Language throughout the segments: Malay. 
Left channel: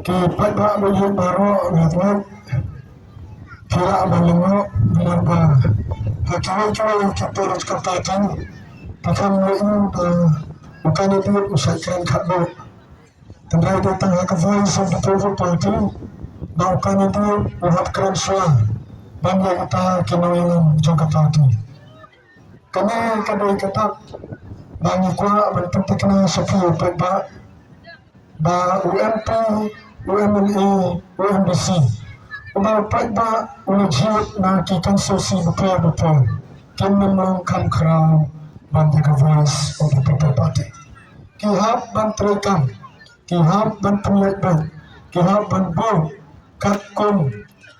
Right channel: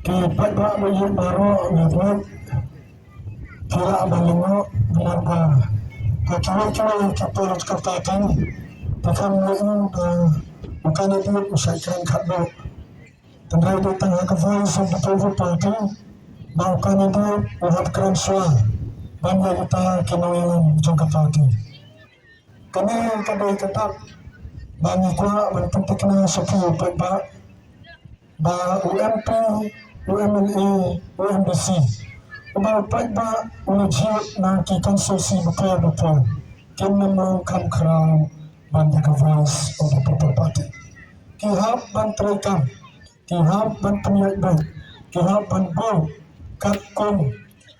Kipat pak banyak baru ngatwat kira balingo menarga hakiwa yang kita harus katakan bukan itu bukan itu usaikan kakbo tendai datang ke voice of the people party bukan itu uhat keren soal banyak kita kinawilan juga party kami kadai ketak banyak kuat berpenting kena sekian pak ba UMP, UMNA, UMBC. Umapai ba ujiat na kikonsulsi betul-betul. Kim memang kam kerau banyak voice of the people party. Kihap ban terekam, kihap ban penyabat, kihap ban bau, katkum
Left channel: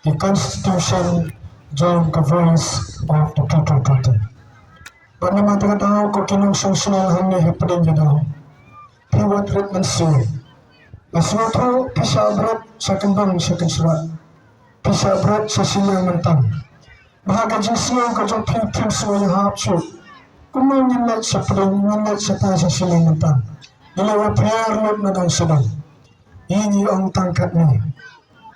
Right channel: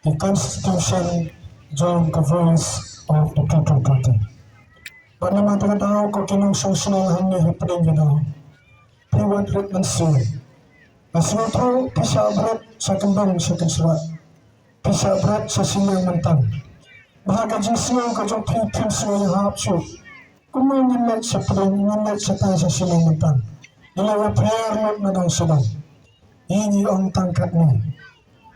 di constitution join the voice of the people party. Pada mata tahu ko kinong sosial hanya happening jadaw. Hewan treatment soon. Nasuto pisah berat sa kembang sa kansurat. Pisah berat sa silang mentang. Bahaga jinsiyo kajong pipim sa mga hapso. Kung may nilat sa pedang, nilat sa tayo sa silang mentang. Ilawa prayarlot na daw silang. Ini ang tangkat ni.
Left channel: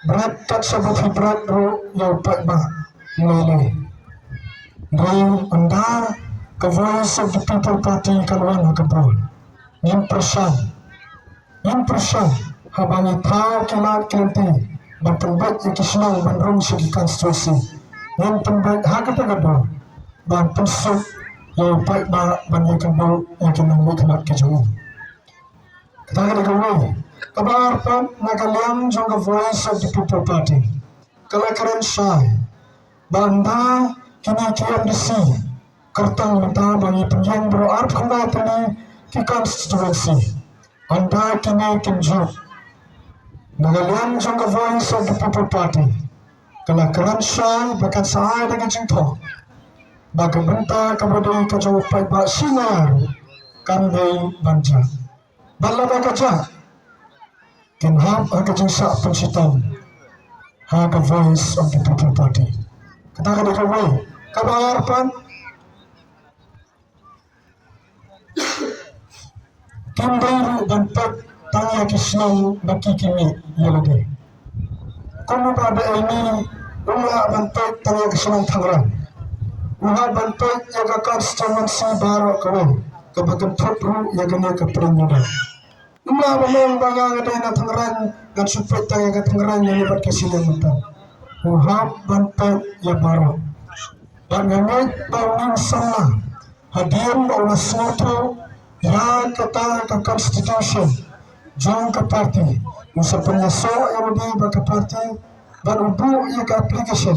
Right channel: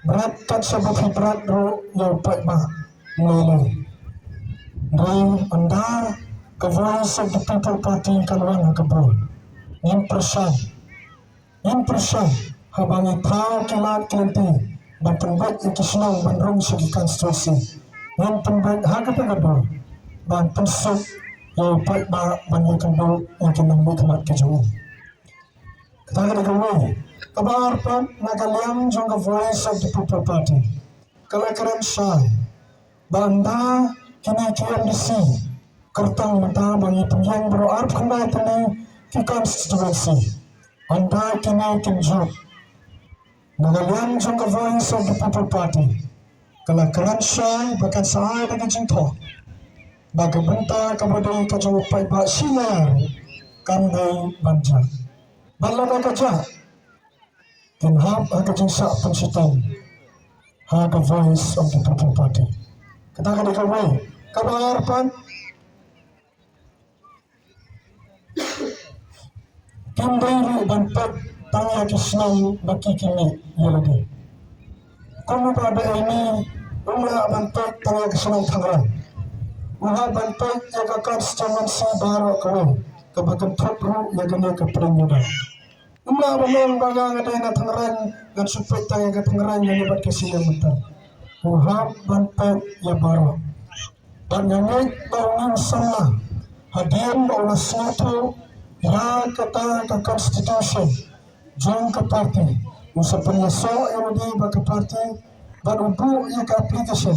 Berat kat sa bafi berat bro, yaw pa mulai. Ngayon, anda, ka voice of the people party kalwan hakabro. Yang persen habang itaw kilat kinanti bertempat yang kesenang bandrong segi konstitusi yang tempat hakatagado dan pusat yang baik banyak kembang yang kena mengkemat kejauhan katakan kawai kabar pun nagaliam jangka voice of the people party kalau keren say banda kini KMDC kertang minta bagi penjang beroarp kembali ke konstitusi anda kini kinjuk nagalian jangka voice of the people party kalau keren say bahkan saya dengan cinta bagi benta kepada kejauh pai bak sinar kandai banja balada kaca kinhap kejauh sak pensitang haga voice of the people party katakan kawai kabar pan Kimberu bantak tanya kisnau baki kini yelade. Kamu pada ini ulah bantak tanya kisnau tangerang. Ulah bantak jaga konstitusi baru kau kebagian topru yang kena keperanjuran. Ulah memang bagang ada yang tangerang dan supaya tanya ke tangerang yang lebat kesini mentang. Ulah bantak yang baru. Dan yang tahun sama hadiah oleh suatu ya kata ke constitution jang ke parti musa penyaso yang di ke parti dan ubu ya ke application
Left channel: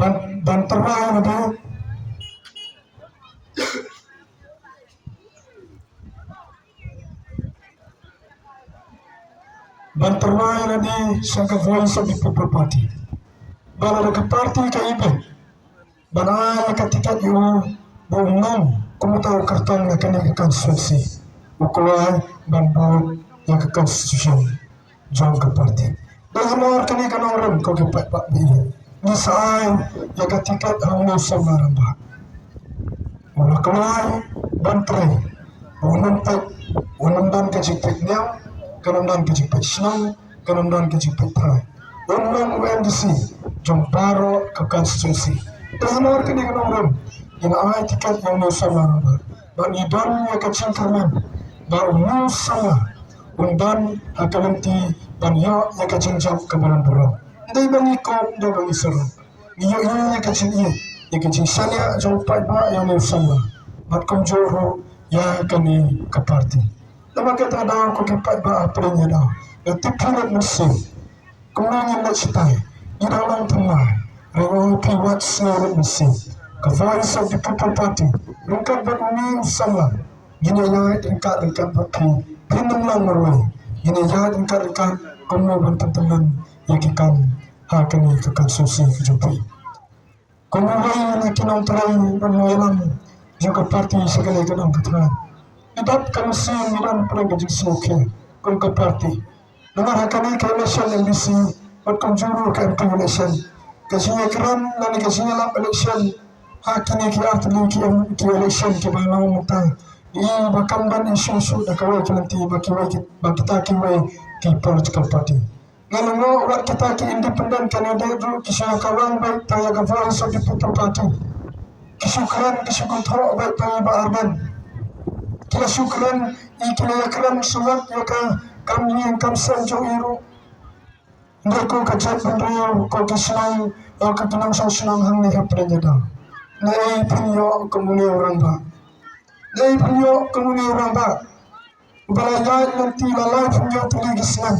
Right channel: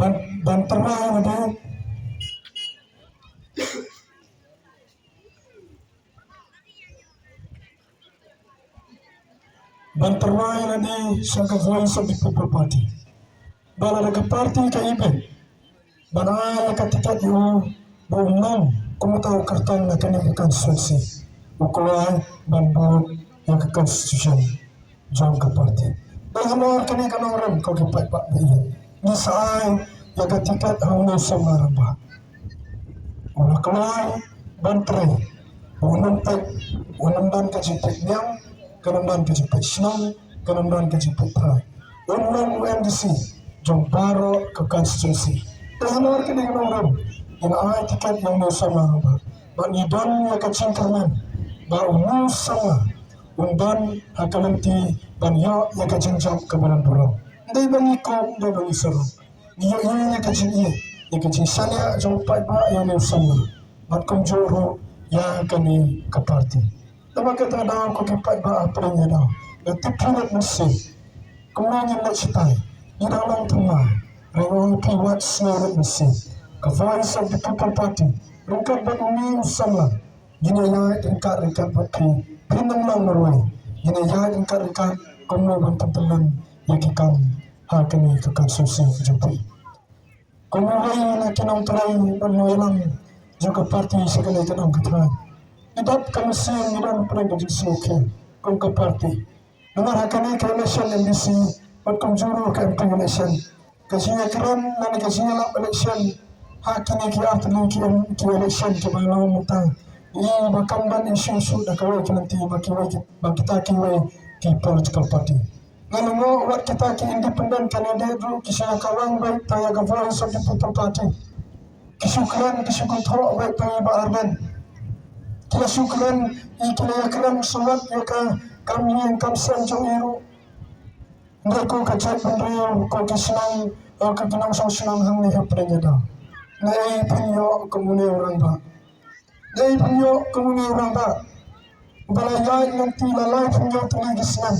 dan terang di dan terang di sangka voice of the people party dan ada ke parti ke event dan ada ketika itu bongong kamu tahu kertang nak kena ke konstitusi ukuran dan baut yang ke konstitusi jom ke parti dan hamar kena ke orang kau ke pak ini misal yang ketika hangu sama rambah orang kelai bantrai orang tak orang dan kejipit nyam orang dan kejipit senang orang dan kejipit terai orang UNDC jom baru ke konstitusi dan hamar kena ke orang yang ay tikat yang sama bang iban yang kacang kanan bang sama undan akalanti dan ya yang kacang jam kebaran dorong dari bang ikut dan bang isero iyo yang kacang iya yang kacang sana jompai ba yang sama mat komjoro yang kani ke parti tapi kita ada ko kipat ba apelnya dah yang tipulat mesin kemudian nak cetai di dalam tengah rewa piwat seluruh mesin ke voice of the people party lengkap beruni sama gini ya tingkat baki pinam lang marwai gini ya tingkat kamu bantuan yakikan hakani ke konstitusi kejumpai kamu wai kinong terai menulang juga parti sekali kinong keterai idap komisi milan pernah gaji soke kong ke parti nomor hakani ke election MBC buat konjuru ke MP election kasihnya keren dan kasihnya lap election hakini ki artli ki election ki balang mutang Ia bakam ban isu-isu da kawai nanti bagi kita kiwai ki political party. Lalu mo wat kita ki independent candidate dulu kisah kawan baik taya ka voice of the people party. Kisukran kisukutro baik taya ba arban. Kisukran ikila kran suwat ya ka kami yang kamsan jo iru. Ndako ka chat pendrio ko kislang o ka tunang senang hang ni hapre dah. Lai pinyo komune orang ba. Lai pinyo komune orang ba. Balayan nanti lalai pinyo tuligisnan.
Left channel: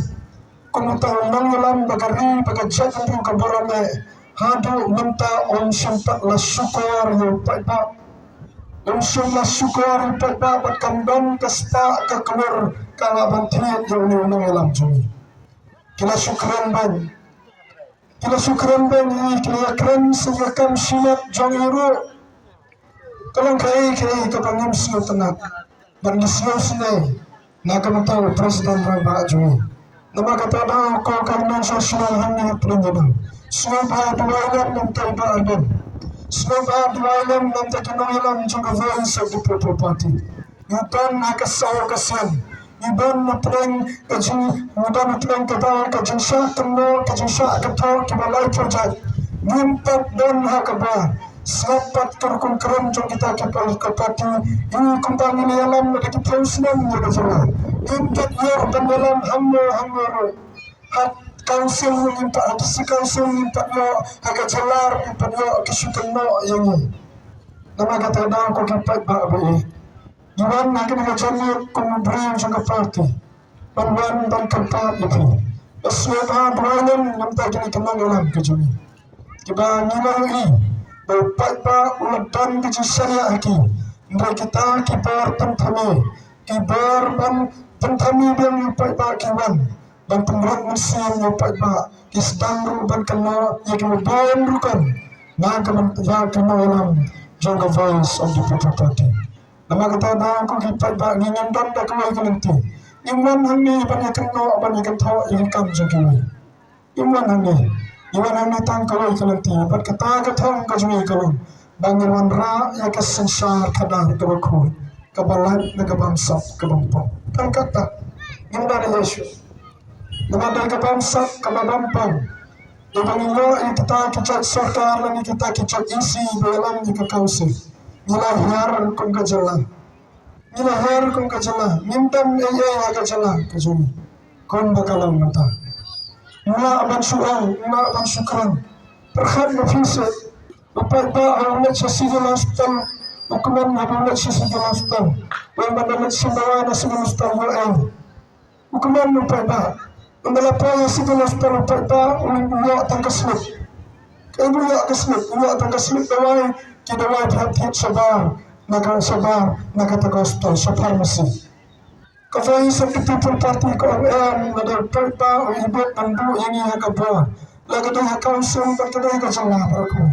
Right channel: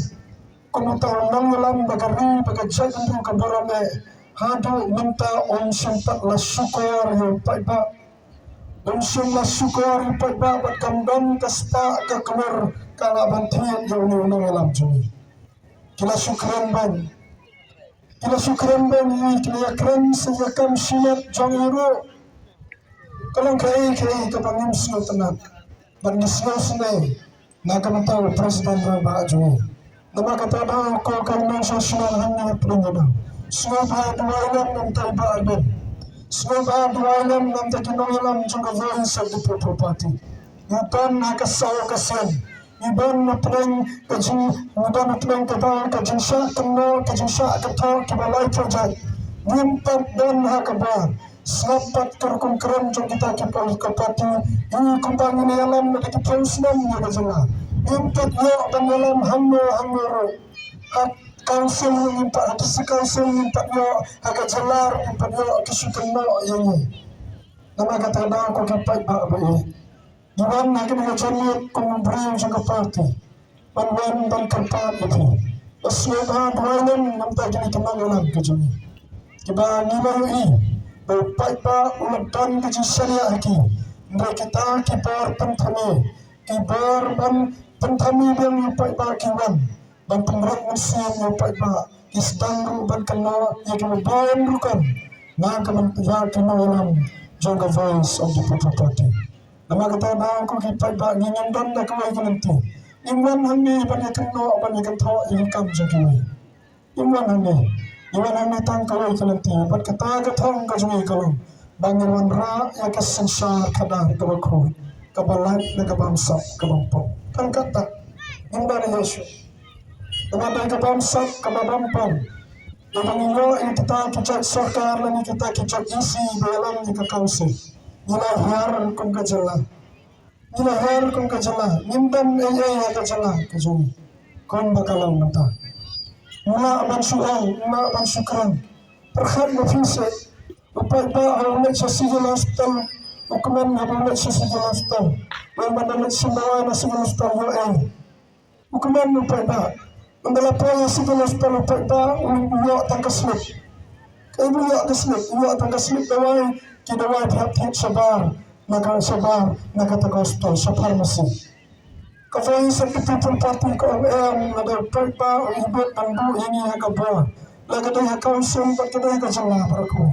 Kumutang mangulam bagari bagajat pendrio kaborane. Hadu minta om sempat la sukor yo paiba. Om sempat sukor yo paiba bakandon kasta ka keluar kala bantian yo ni unang jumi. Kila syukran ban kila kran sayakam sinat jong iru kalang kai kapangim sino tanak ban gisyo sinay nakamataw presiden ba jumi nama kata da ko kanan sosial hanya pelunjana semua duwalam nam taiba arban semua duwalam nam takinong jong voice of the people party yutan nakasaw kasian Iban natreng kajin sa kano kajin sa agato kibalay project nimpat don hakaba sapat karkong keren jong kita kipal kapati ini kumpang ini alam na kipiusnan ya kajala nimpat yor bangalam hamyo hak council nimpat atasi council nimpat yo hagajalar nimpat yo kisukan mo yang nama kata da ko kipat ba ba Iwan lagi dengan jami kemudian juga parti Panwan dan tempat itu Aswabah dualan nampak kini kenang alam kejumi Kiba ngilahui Bapak uledan kejisanya lagi Mereka kita kibar pentami Kibar dan pentami yang bapak kiwan Dan penggerak mesin yang bapak Kisdangru dan kena yang kemudian rukan Naga kena alam Jangka voice of the people party Nama kata na aku kita bak ngingin dan dah kawai nanti. Iman hangi banyak kena banyak kena ingkam jadi. Iman hangi tang kawai nanti. Bat kata ketong kajui kalau bangun ra ya kesensar kadang kebaku kebalan negabangsa kebampang. Tan kata yang dari Yesus. Nama dari kebangsa kebampang. Dengan ini kita kecak sarkar dan kita kecak isi dalam jika kausi. Nilahar kung kajala mintam ay kajala kajuni kon bakalang mata mula aban syukran perkhad nafisa apa ang sa sigil hospital ukuman na sa sigil hospital may madalit simbawa na sigil hospital ay ukuman mo pa ang dalapo sa sigil hospital pa ulo tangkaslip kaya ulo tangkaslip daway kidawai hati sabar nakatagostal sa pharmacy. Kafay sa people party ko ang nadagpagpa o ibot ang buhingi hagabwa. Lagaday hakawsong pagkaday ka sa lapar ko.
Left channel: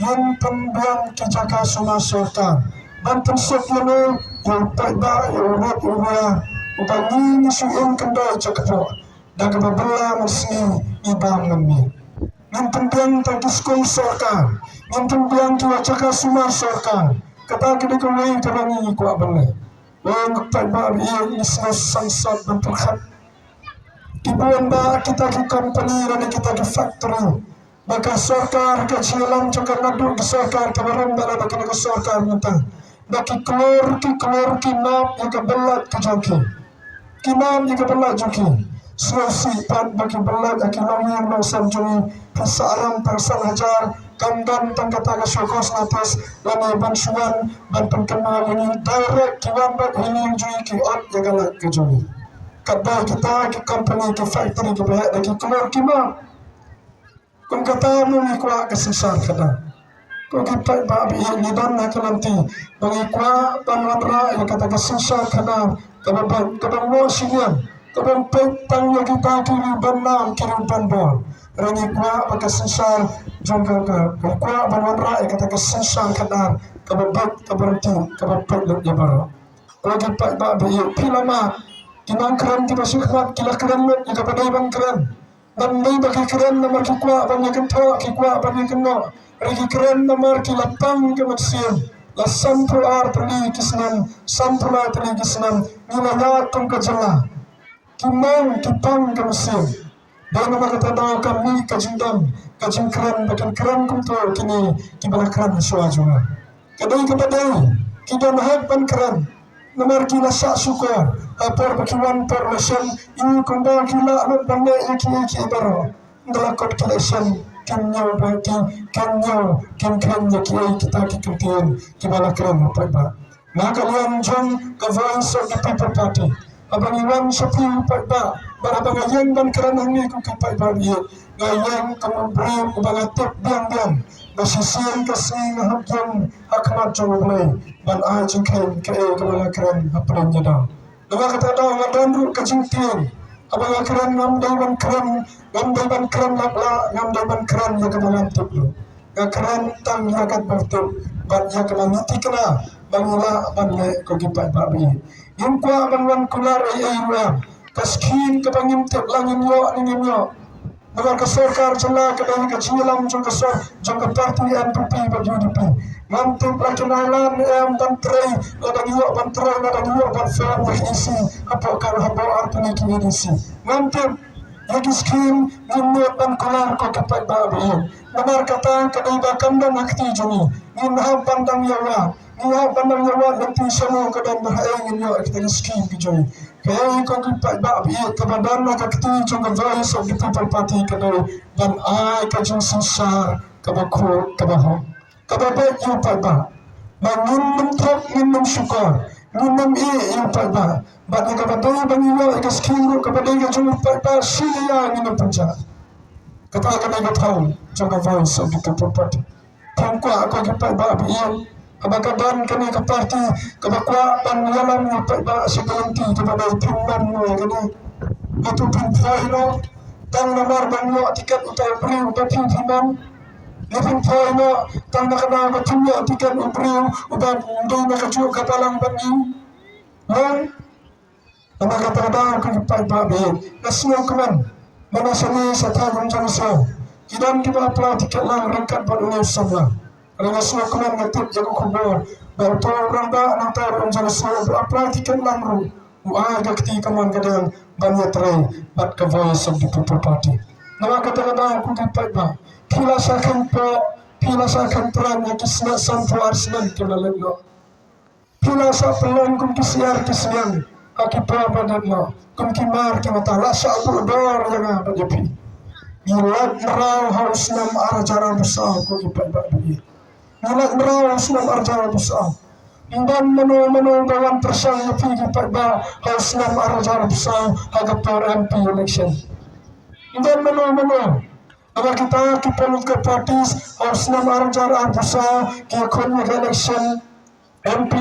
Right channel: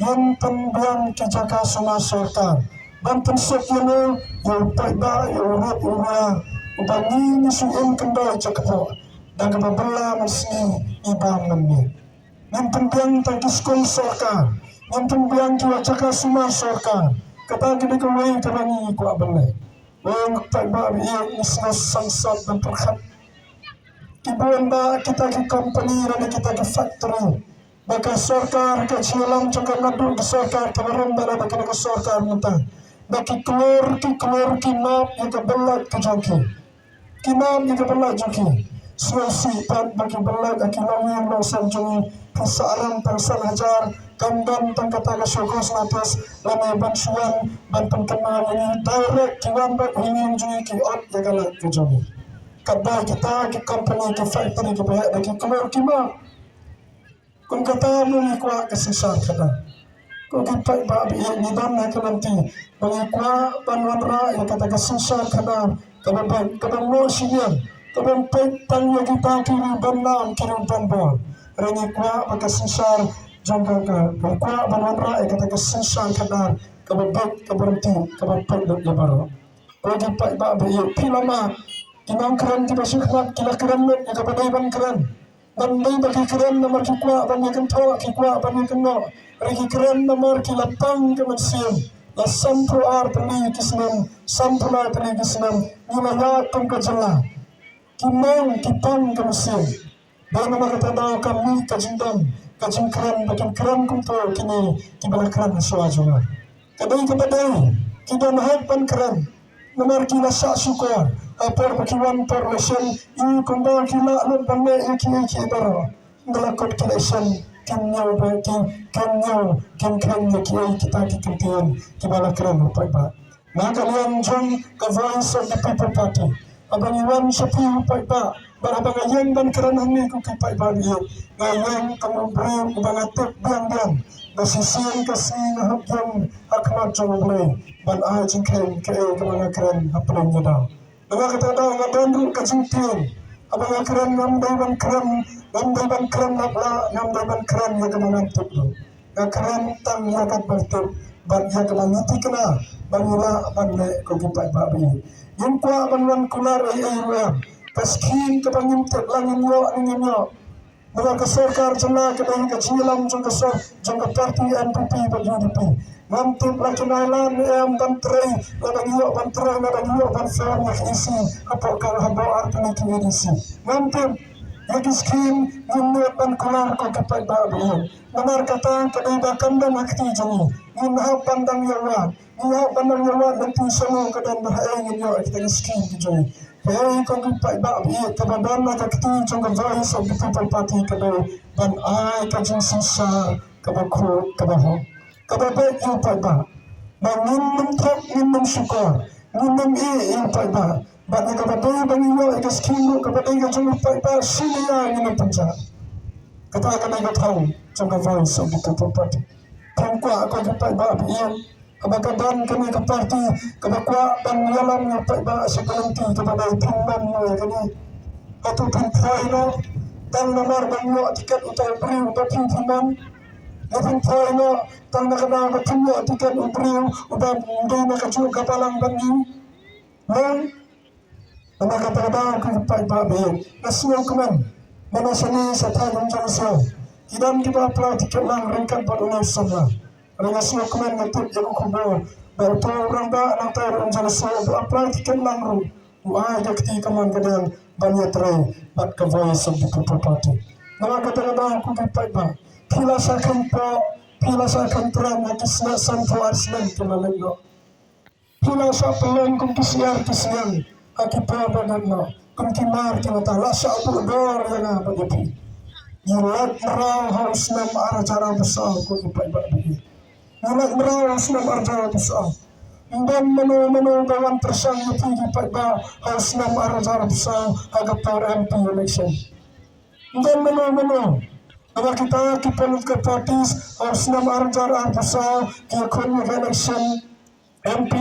Yan pambiyang kijaka sumasorta. Bantan sokyano yung pagba yung uwa. Upang nisuin kanda jakapo. Dagababala masni ibang namin. Yan pambiyang tagiskong sorka. Yang pembiang tua cakap semua sorkan kata kita kawai karangi ku abang wang pagba yang isna sangsat dan perkhat kibuan ba kita ke company dan kita ke factory maka sorkar ke silang cakap nadu ke sorkar kabaran bala baka ke sorkar minta baki keluar ki map yang kebelat ke joki kinam yang kebelat joki sifat bagi belat akilang yang mausam jui kesaran persan hajar kamdan tangkata ke syokos atas lama bansuan ban penkenal ini direct kiwan bat ini yang jui ki ot jagalat ke jui kadang kita ke company ke factory ke pihak lagi keluar kima kung kata mo ni kuha ke sesar kadang kung kipat ba biya ni don na nanti bagi kuha banwanra yang kata ke sesar kadang kabang mo sinian kabang petang yang kita kiri banam kiri banbol rani kuha maka sesar jangka kuha banwanra yang kata ke sesar kadang kabang berhenti kabang pet lebar lagi pak ba biya pilama kinang keren tiba sukhmat kila keren yang kapadai ban keren dan may bagi keren nomor kikwa banyak kento kikwa banyak keno regi keren nomor kilapang kemensian sampuar tali kisnam sampula tali kisnam nilaya tum kajala kimang kitang kamusin dan makatadaw kami kajindam kajingkran bakan kran kunto kini kibalakran suajwa kadai kadai kita mahal kran nomor kila sa sukar apor bakiwan por lesson ini kumbang kila non pande iki baro ngalakot kelesan kanyau bagi kanyau kanya kita kikentian kibalakran pagba na kalian jong ka voice of the people party abang iwan sapi pagba barabang ayan ban karanang ni ko kapay bagi ngayon kamubrim ubangatip biang nasisiyan kasi ngahagyang akmat jomblay ban ajing kain kaya kabalakran hapalan niya daw nakakatadaw nga doon kajingtiyan abang akran ngamday ban kran labla ngamday ban kran na kabalantip lo akran tang yakat bertip ban yakamangiti ka na bangula banle ko kipay babi yung kwa bangwan kular ay ayuang kaskin kapangimtip langin yo ninyo nagar kasarkar jala kadang kajilam jong kasar jong parti NPP bagi UDP mantip lagi nailan bantrai ladang yo bantrai ladang yo banfer isi apa kal habo artuni kinisi mantip lagi skin nimut dan kular ko kapai babi nagar kata kadang bakam dan akti jongi ninham pandang yawa ninham pandang yawa nanti semua kadang bahaya ninyo kita skin kijoy kaya ko gipat babi kabadan nakakti jong voice of the people party kadang dan ay kajong sisa kabako kabaho kababet yung pagba bangin mentok minum syukur minum yung pagba bagi kabaday bangiyo ikaskiro kabaday kajong pagba siya minum punca kata kanay katawang jong voice of the people party tangkwa ako gipat babi yan kabagadan kami ke parti kabakwa dan yalam ni pagba sekalanti kepada timban mo gani atu pintai no tang nomor banyo tiket utai beri utai timban Lipin poy no tang nakana matunyo tiket ubri uban ndi nakaju kapalang banyo no nakatadaw ko pagba be nasuo kaman manasani sa tanong jangsaw kidan kiba apla tiket lang ringkat balunay samla Rana suwa kuman ngatip jago kubur Bato ramba nang tayo jang suwa apply tiket lang ro Uay kakti kaman kadang banyat ray Bat ka voice of the people party Nama kata-kata aku dapat ba Pila sa kantoran na kisna sampo arsinan kilalan no Pila sa pelon kung kisiar kisiyan Akipa badan no Kung kimar kimata Rasa apu dor yang ada jepi Ilat merau haus nam aracara besar Kung ipat babi Anak merawat senam arjana besar. Dan menu dalam persang yang pada senam arjana besar agak par MP election. Dan menu agar kita kipelut ke partis senam arjana besar kiakun election MP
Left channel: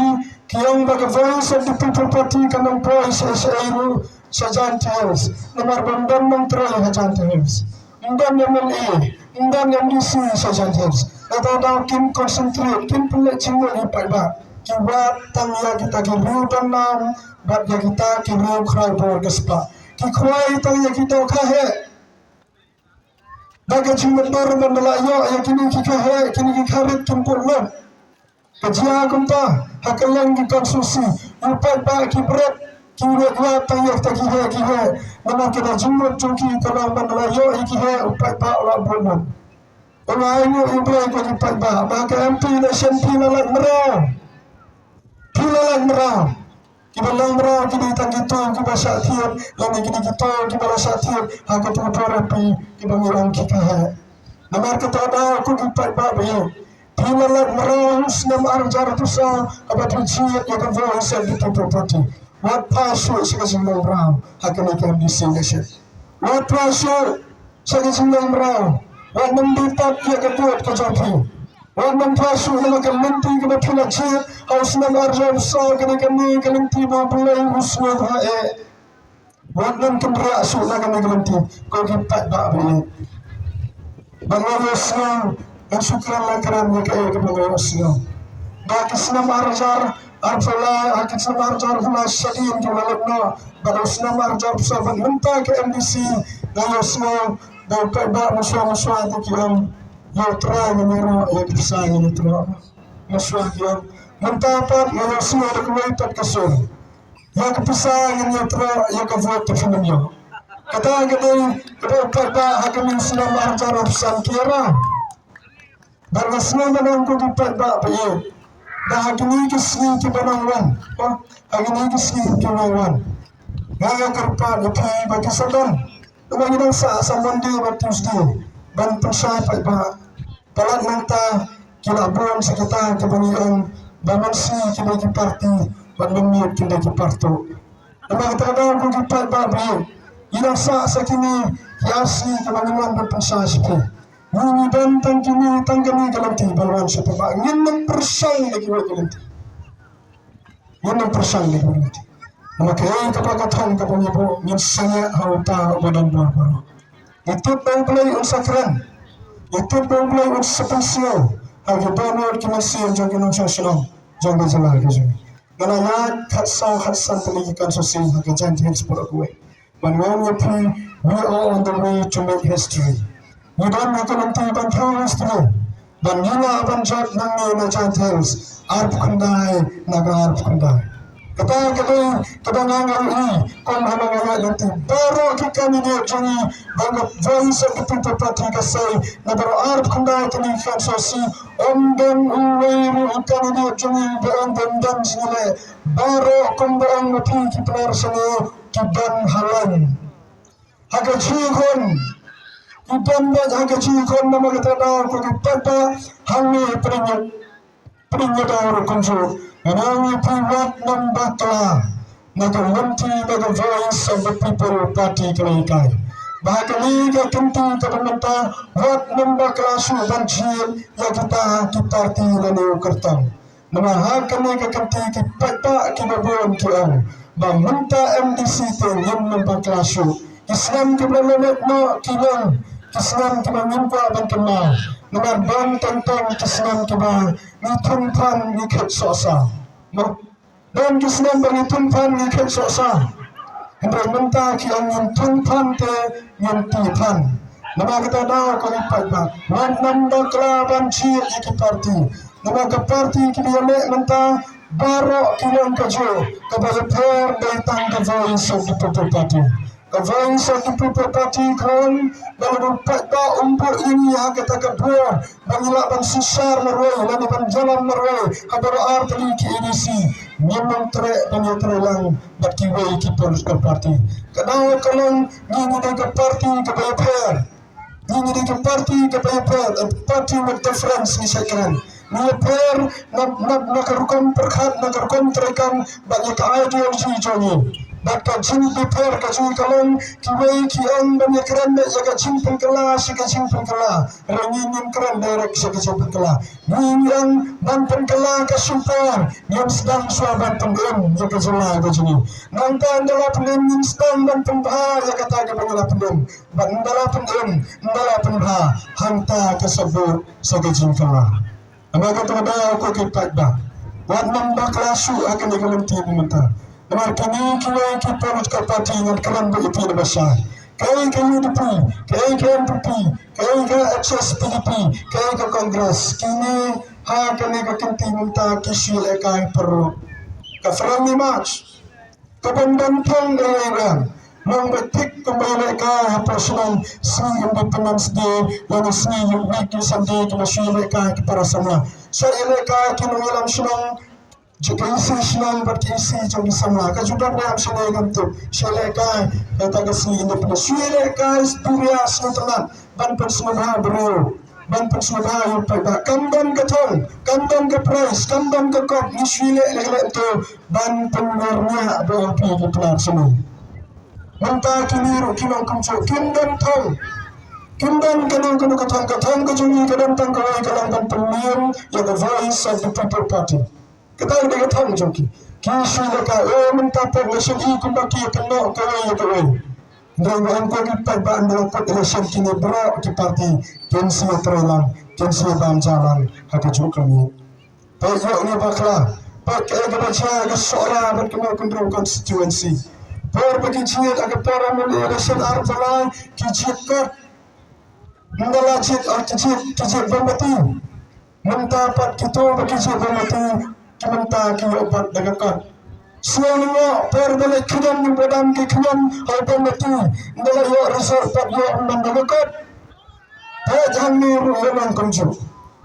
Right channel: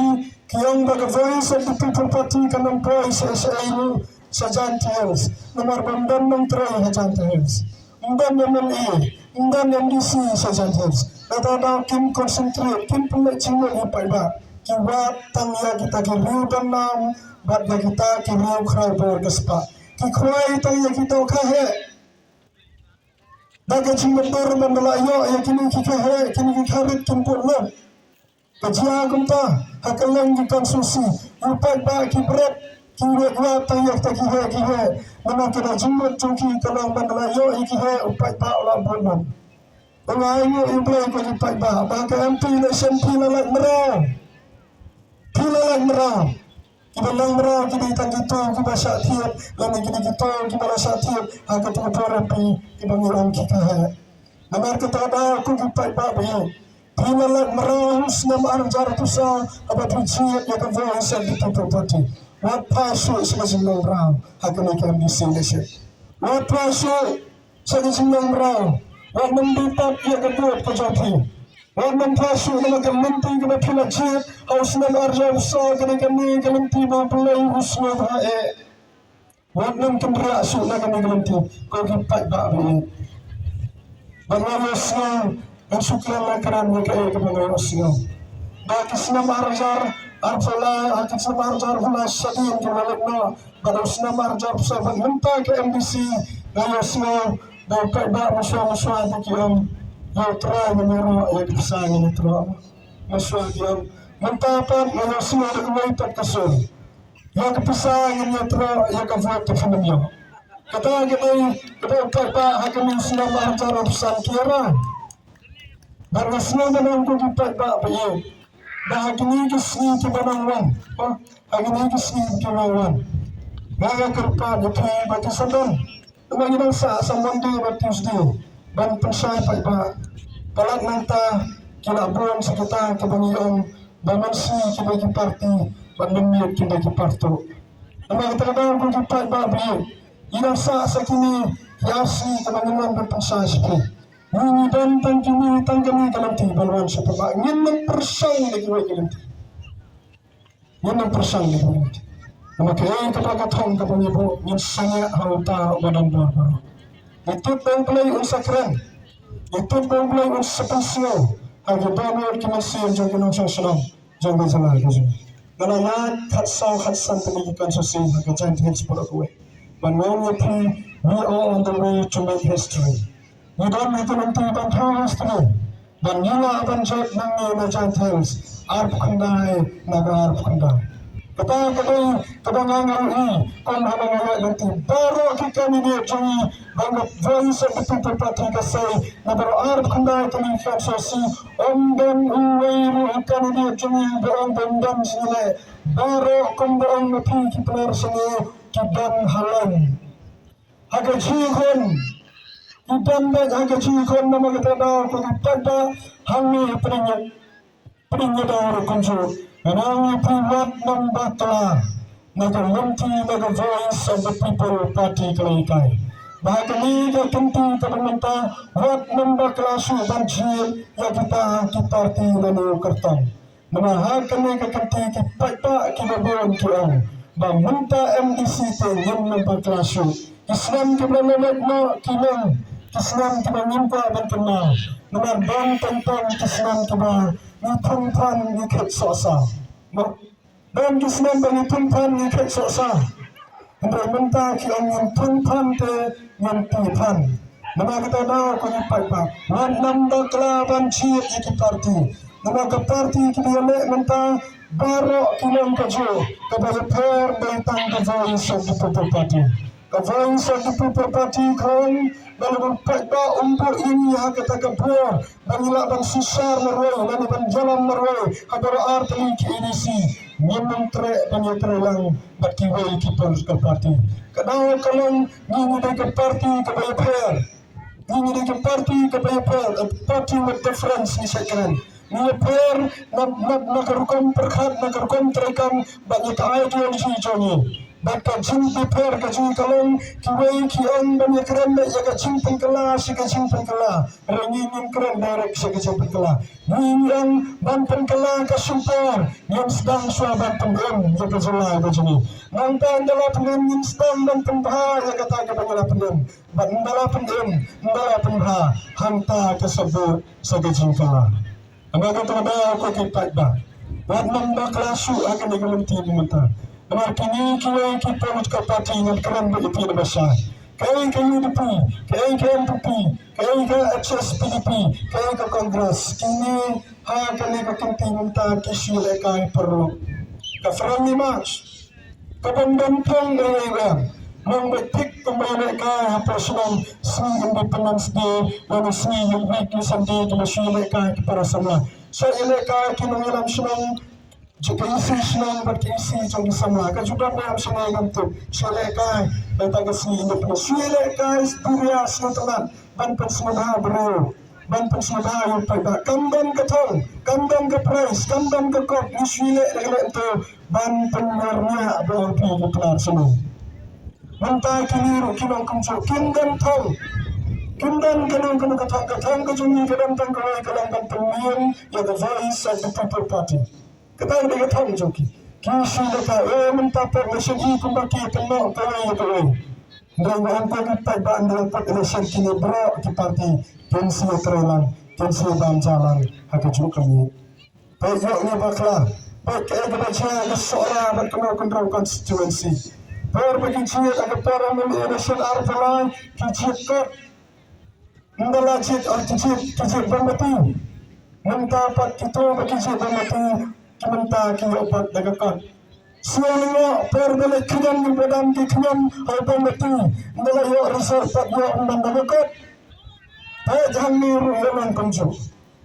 kiang bagi voice of the people party kanang voice SAU Sajan Tales nomor bandan menteri Sajan Tales. Dan MLA, dan MDC Sajan Tales. Atau kim konsentrate kim punya cingol ipai ba kiwa tangya kita kiriu dan nam batnya kita kiriu krai bor gespa ki krai tangya kita kahe daga cingol bor mandala yo ya kini kahe kini karit kim pulno kajia kumta hakalang ki konsusi ipai ba ki bret kiri dua tangya kita kihe nama kita cingol cungki kalau mandala yo ikihe ipai ba olah bulno Orang ini ibrah ko lipat ba maka MP election pilalang merah kibalang merah kini tanggito kibasa tiap lani kini kita kibalasa tiap aku terpara pi kibangirang kikahe namar ketada aku lipat ba bayo pilalang merah senam arjar tusa abat ujiat yang voice di property what passion segasimang merah akan akan diselesaikan what passion segasimang merah Wag nanditap iya kebuat kajapi. Wag nampasu na magamenti ka na pinagsit. Haus na marjab sa kani kalinti mo bulay uswag hae. Wag nang kumraso na kani kalinti. Kung kipat ba abili. Bangayos na ang sukran lang karan niya kaya kabangayos na. Bakis na marjar arfala akit sa marjar hula sadin kimalag na. Baros na marjab sa pagmunta ka MDC. Ngayos na dapat ba maswa-maswa itu kiam yang terang menero yang kisah ini terang maswa kiam Mentapat yang semua dokumen kasur. Yang kepisah yang nyatra yang kebuat defininya. Kata gini, kepada hakim yang senang mengajar urusan kira. Dan senang menangku kepada bayi. Dah hakim ini kesini kebenaran. Hakim ini kesini kebenaran. Gaya kerpa lebih bagi sedang. Nama kita sa Monday dan Tuesday. Dan persai pada palat nanta kila bulan sekitar kebanyakan bamansi kibagi parti bandemir kibagi parto. Nama kita kadang kuki babi. Ina sa sakini hiasi kebanyakan berpensai sepi. Ini dan tangkini tanggani galanti balwan sepapa. Ngin persai lagi galanti. Ngin persai lagi galanti. Maka kapagatan kapangibo minsanya hauta badan baru. Itu pemulai unsakran. Itu pemulai unsapensio. Agi donor kimasian jangin unsasalam jangin jalan kajun. Galaya khatsan pendidikan sosial agi jantin sepuluh kue. When we pray, we are on the way to make history. We don't make an anti history. Dan nila abanjat nangi na jantins. Arp kundai naga arp kundai. Kata kebangangan ini, kau mahu nanti baru kita ni dia jungi banyak voice of the people party kasai, na baru arab kundai kini fansasi, dan uweiru ikan ni dia jungi dan sini baru kumbang mati kita sini kiban halan. Agak cikon, kiban agak cikon nama kita dah kau kita hangi peringat orang kunjung. Menangi privat membakla naga voice of the people party kelaikai. Bahkan liga kentu kepemerintah buat membakla suban jil yang kita parti lalu kertang. Mengahakan liga kentu kipak kibabuan kiau. Meminta MDC tu yang membakla su. Islam kibalamat no kilang. Islam kibangimpa dan kenal. Dengan bang tentang Islam kiba ni tumpan ni ket sosa. Dan Islam bagi tumpan ni ket sosa. Hendak minta ki angin tumpan te yang tipan. Nama kita dah kau lipat bah. Wan nanda kelaban cir iki parti. Nama ke parti kita lek minta barok kilang kajo. Kepada per datang ke voice of the people party. The voice of the people party kan dalam pada umpur ini kita kebuah mengelak dan susar merway dan dan jalan merway kabar arti ki edisi memang trek penyetelang berkiwai kita ke parti kadang kalang ini ke parti ke PPR ini ke parti ke PPR party with difference ni sekarang PPR nak rukum perkhat nak rukum terekam banyak ideologi joni. Baka jumpa per kajung kalong kiwai kian banyak keren dah jaga cimpung kelas jaga cimpung kelas rangin keren direct jaga cimpung kelas yang banten kelas kesumpar yang sedang suaban pendem jaga jelah bajuni nanti adalah pendem yang sedang banten bah jaga taga banyak pendem bandala pendem bandala pendha hanta kesebut jaga cimpung kelas anda kata ada aku kipat bah buat membak lasu akan digalanti pemerintah. Dengan kini kiwai kita ke parti dengan keren begitu besar. Kai ke UDP, kai ke MPP, kai ke HSPDP, kai ke Kongres. Kini kini ke kenti minta kisi lekai perlu. Ke friendly match. Ke bendantong dari Iran. Membetik kembali lekai personal Sri Independence Day dan Sri Unity Sunday kena Sri lekai kepada semua. Saya lekai kini ngilam senang jika isi senang berkisi jadi sama. Kajudan yang senang untuk syelekai datang ke sini independen. Syelekai Sturia Selatan dan personal bro, dan personal yang pada kambang ketong, kambang ke price, kambang ke kop ni syelek lelak itu dan pengarnya BLP kelar semua. Mentah kini kilong kumcu kindan tong. Kindan kenang ketong kejungi kedantang kawai kelangkan pemilihan yang the voice of the people party. Kita ada kata joki. Kisi leka, minta per mesin kumbaki kena kawai. Dan angka kita bandar per election kini berak di parti kensi terelang, kensi banjalan hak jokami. Pokok ni bakla, pokok kebaca kesoara berkena kontrol konstituensi. Pokok kecil agak para election artelai kecil kat, mengalacit kecil bermati. Mendapat kita kecil bermati. kimanta ki obat dagakan suaminya perbalik kian di badan ki kian harga mati dalam yo resort pat yo mandagakan jangan niru yang kunjung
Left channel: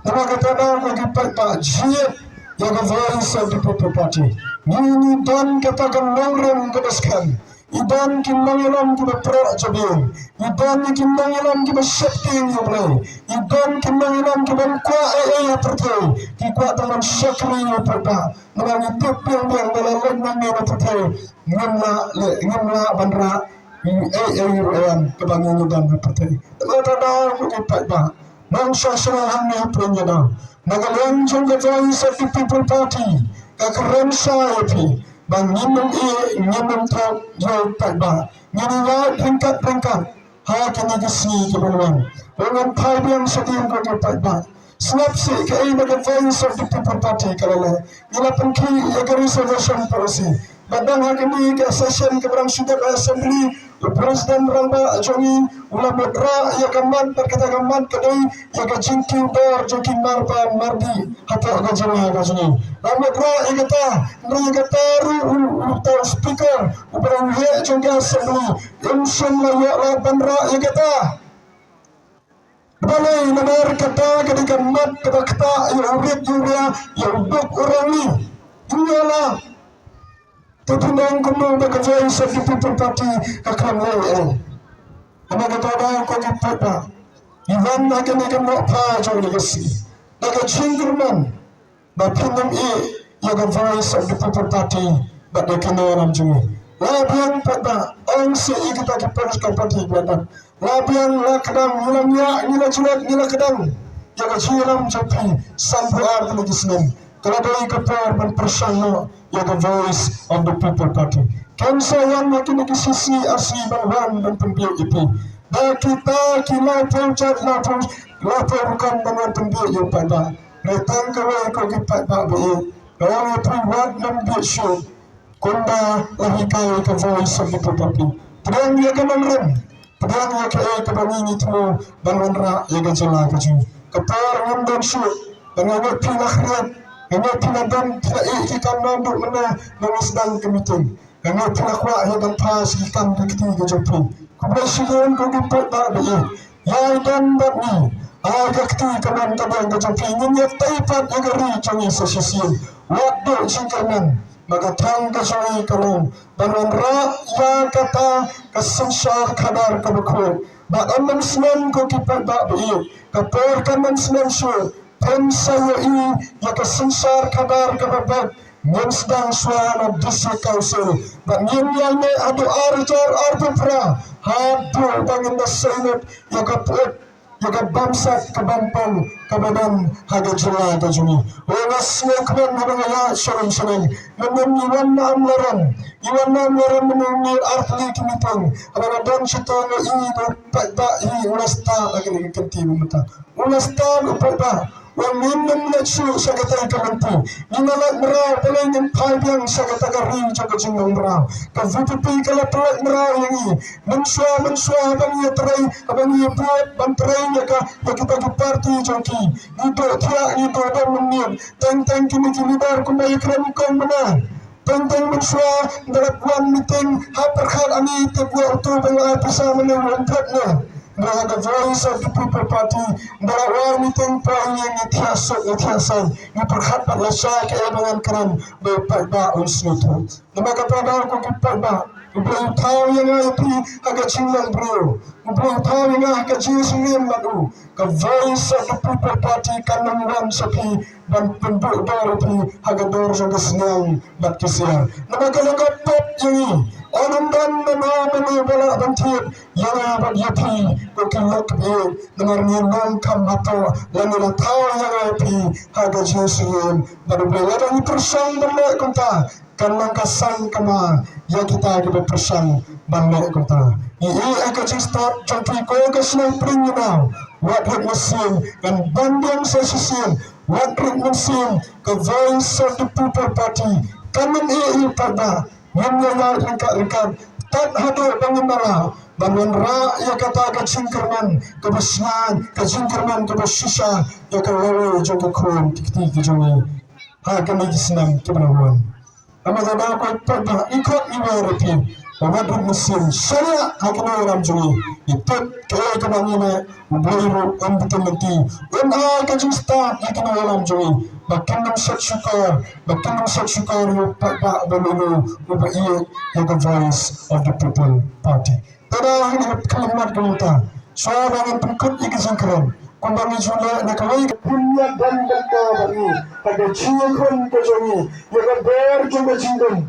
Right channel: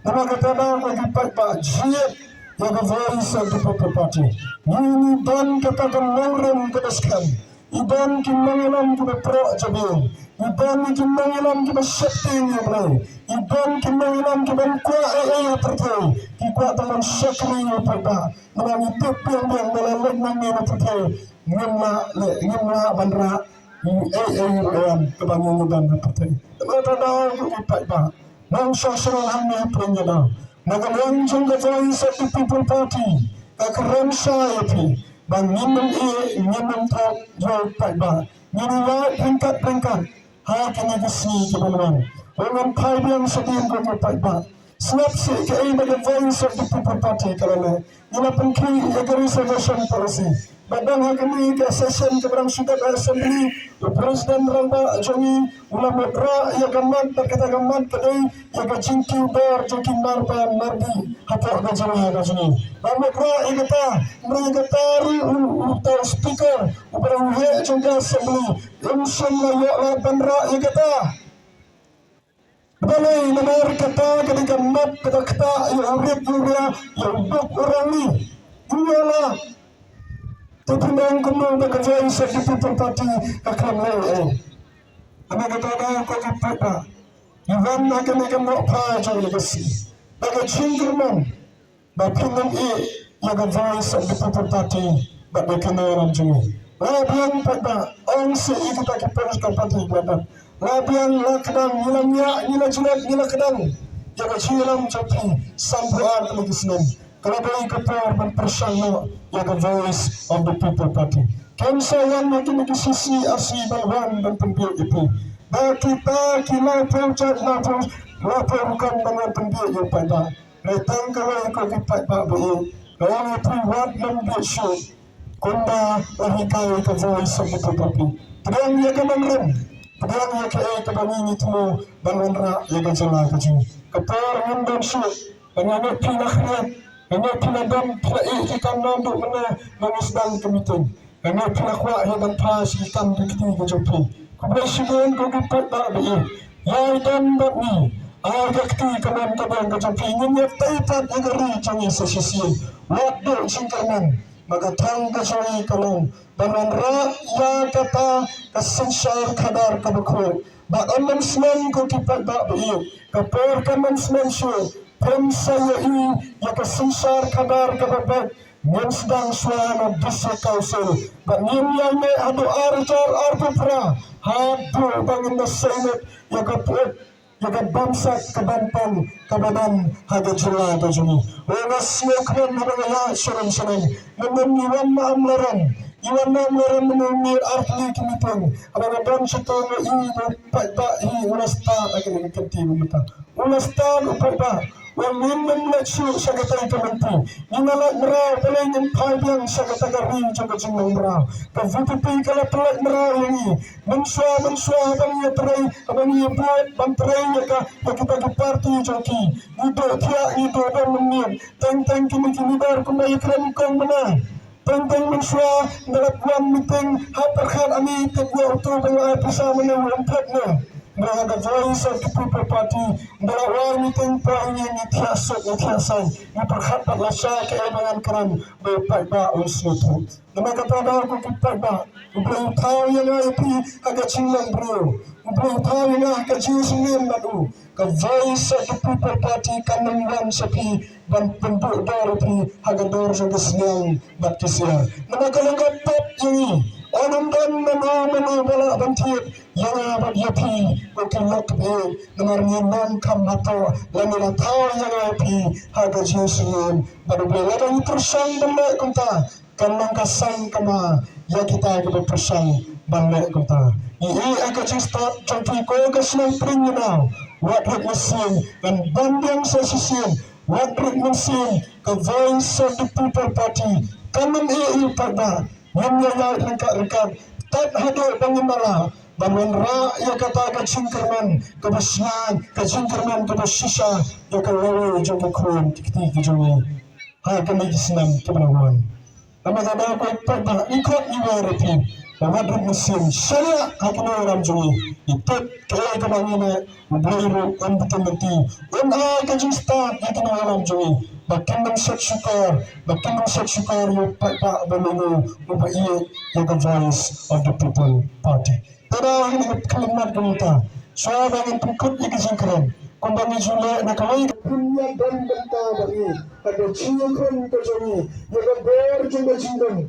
nama kata nama kipat pak jiat yang voice of the people party ini dan katakan nongrom kedaskan idan kimbangilam kita pro jabil idan kimbangilam kita setting yang idan kimbangilam kita kuat percaya kita teman syakri yang perda dengan itu yang dalam lengan yang percaya ngemla bandra yang kebangun dan percaya kita tahu kita dah bangsa serahan yang perenjana nagalang jangka voice of the people party kakaran saya pi bang nyimem tak jauh tak bah nyiriwat peringkat kini kesini kebenaran orang pai yang sedih bagi tak bah sebab si kei bagi voice of the people party kerana ila pengki agar reservation policy badang hakini ke session keberang sudah assembly presiden ramba jongi ulama dra ya gaman berkata gaman kedai ya gajinki dor joki marpa mardi apa gajana gajani ulama dra ya kata ru speaker berang he jonga assembly inshallah ya la bandra ya kata balai nomor kata ketika mat kata ya urit juga ya ubuk orang ni inilah Tepundang kumul bekerja seperti people party akan lain. Anda kata dah kau kita, Iwan akan apa jauh legasi. Akan cingguman, bapinam yang voice of the people party, but they can orang jauh. Labian pada orang si kita keperluan party pada. Labian lakadang nilamnya nila jual nila kadang. Jaga cilam capi sampai ada lagi senang. Kalau dari kapal berpersama yang voice of the people party. Kansa yang makin di sisi asli bahan dan pembiak itu. Dan kita lapor bukan dengan pembiak yang pada. Datang kalau ikut kipat bahagia. Kalau itu buat membiak show. Kunda lahikai ke voice of the people party. Pedang dia kemenram. Pedang dia kebanini itu balwanra yang gajala kaju. Kapal ngundang show. Pengamat pilahriat. Kami pinadam ikan nanduk mana mengisdang kemiting. Kami pinakwa yang pas ikan dikti kejopi. Kebersihan kegipat tak baik. Yang dan bakni. Agakti kaman tabang kejopi. Nyinyat taipat negeri canggih sesisi. Waktu singkaman. Maka tang kesoi kalau. Dengan rakyat kata kesensar kadar kebekut. Bakan mensemen kegipat tak baik. Kapurkan mensemen syur. Pensaya ini yang kesensar kadar kebabat yang sedang suara district council dan yang ini adu arjar arbupra hadu bangin nasenat yang kaput yang bangsa kebampan kebadan haga jela tajuni orang semua habangaya serang menuniwan maamlaran iwan menunir artli kimitang abang setong ini berpak ini ulasta lagi kenti memeta ulasta berpak Wamin nafsu sakata kamantu. Ingalat merau pelai nyempai yang sakata kari jaga jengong merau. Kavutupi kala pelai merau yang mensua abang ia terai abang ia buat banterai ya kita ke parti joki. Itu tiak itu ada menit. Teng kini dar kumai keren kong mana. Teng mensua dalam meeting haperkan ani tebuah utuh dengan pasal menang empatnya. Mereka voice of the people party bahawa meeting poin yang itiasan yang berkhabat lasai keebangan keran berpakba unsnutu. Nama kepada aku kipakba Ubang tahu yang api agak cinglang bro. Ubang tahu yang agak cinglang lagu. Ke voice of the people party kanang sapi dan penduk darapi agak dor jaga senang baptisia. Nama kalangkap pop yang orang dan menu bala bantit yang abad yapi kokilak be dengan nyendang kamato lalu tahu yang api agak cinglang baru bela ini persang benda kunta kanang kasan kama yang kita akan bersang balik kota. Ini akan start contoh kau kesenang peringina, wadrik mesin dan banding sesisin, wadrik mesin ke voice of the people party. Kami ini pada menyayat lengkap tak hadir pengemala dan rakyat kata kecingkerman kebesaran kecingkerman kebesisa yang lalu juga kurang tikti kejongi. kami senang kebenaran. Kami kadang pada ikut iwarepi bahwa mesin saya akan orang juri itu kaya kemana membeli betul mati kajusta akan orang juri bahkan syukur yang pada benar ubah yang voice of the people party. Pada kalimat kita suara yang pengkut ikut kumbangi jula nakawai punya dan beri ada ciakun kejongi ya ber juga jindung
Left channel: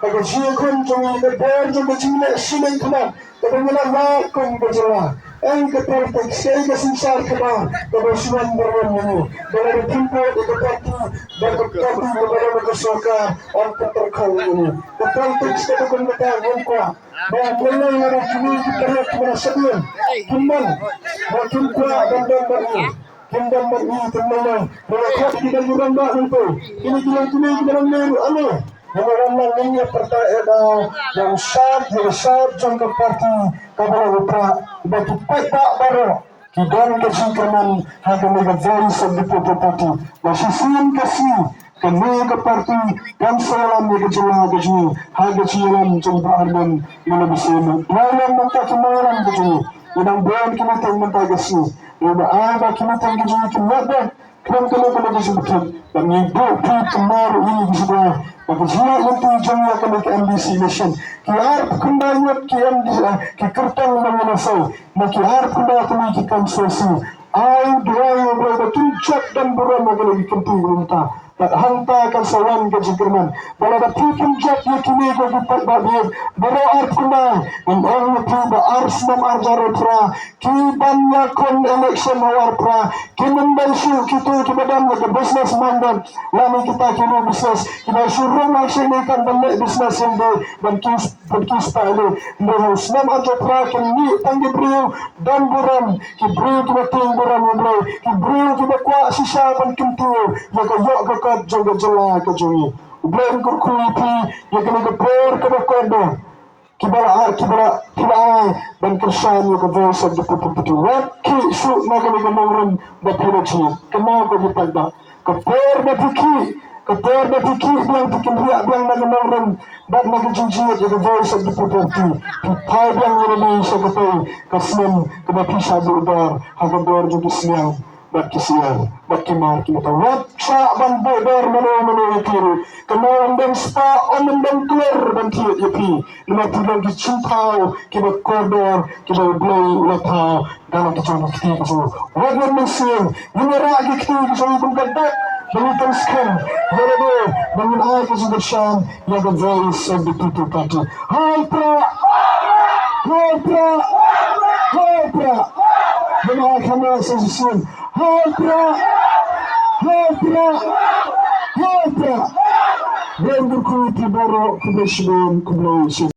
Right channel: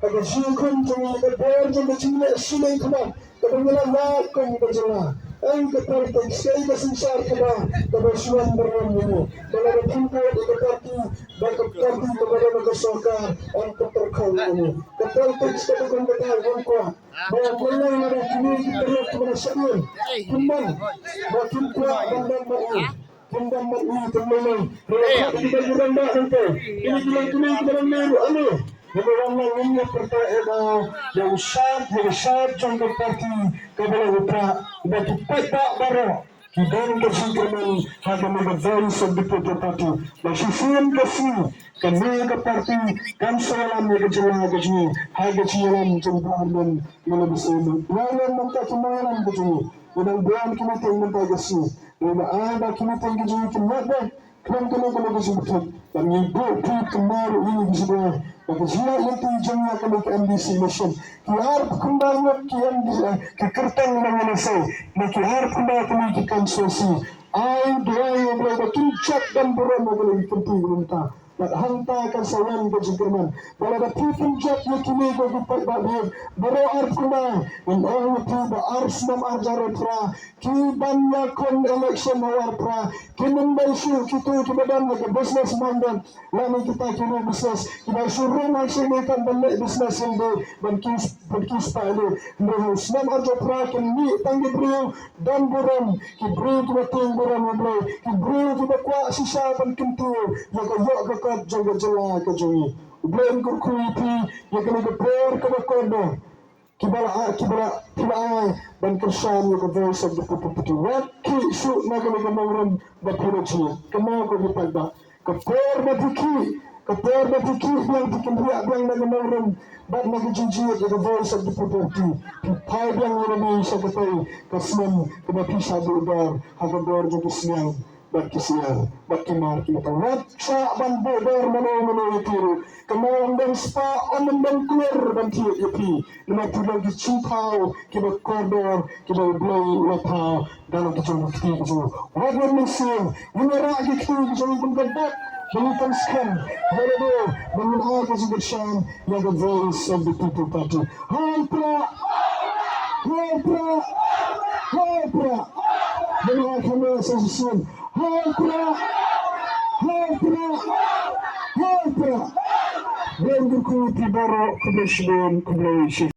ada ciakun jongi ya ber juga jindung sinai kena kebenaran lakon kejola ke politik saya kesensar keba kebersuan berani dalam tempo di parti dan parti kepada masyarakat untuk terkau ini ke politik sebagai mereka yang kuat dan mulai ada kini kita kepada sebelum kiman makin kuat dan beri teman mereka tidak jurang itu ini kita meru anu orang ini pertanyaan yang syarat jangka parti kepada upra bagi pak baru kiban kesingkaman haga mega voice of the people party masih sian kasih kemega parti dan salam mega jela gaji haga cialan jumpa arman menabisema lawan manta kemalan gaji inang buan kita tengah gasi udah ada kita gaji kenapa kenapa disebutkan dan ibu kemaru ini disebut Bahagia itu jangka kami ke MBC Nation. Kiar kembali ki kertang mengenai nak kiar kembali kami ke konsorsi. Ayu doa yang berada tuncak dan beramah lagi penting minta. Tak hanta akan sawan ke Jerman. Bila ada puncak yang kini bagi bahagia beroar kembali. Menang tiba arsam arjaro pra. Kiban yakon election hawar pra. Kimembansu kita badan lagi business mandan. Lama kita kini bisnes kita suruh laksanakan banyak bisnes yang dan kis palu. Mereka senam arjaro pra kini tanggi beliau dan buram. Kibri kita ting buram beliau. Kibri kita kuat sisa pan kentu. Maka yok jaga jela kejui ublen kurkuipi yang kena gepor kena kodo kibala dan kersan yang voice of the people waki su naga mengamorang bapiraci kena ko dipada kepor bapiki yang dikendriak yang naga mengamorang dan naga jinjit yang voice of the people pipai yang Indonesia kepai kasmen kena pisah diudar haga dor juga siang bagi siang, bagi mar kita wabsa ban bodor mano itu, kemudian dan spa omen dan keluar dan tiap yapi, lima bulan di cimpau, kita koridor, kita belai latau dalam kejauhan kita itu, wajar mesin, menyerah kita itu kumpulan Belitan sekarang, berada dengan ayat yang bersam yang the voice of the people party. Hai pra, dengan kamera sesusun. Hai pra, dan berkuti baru kebersih.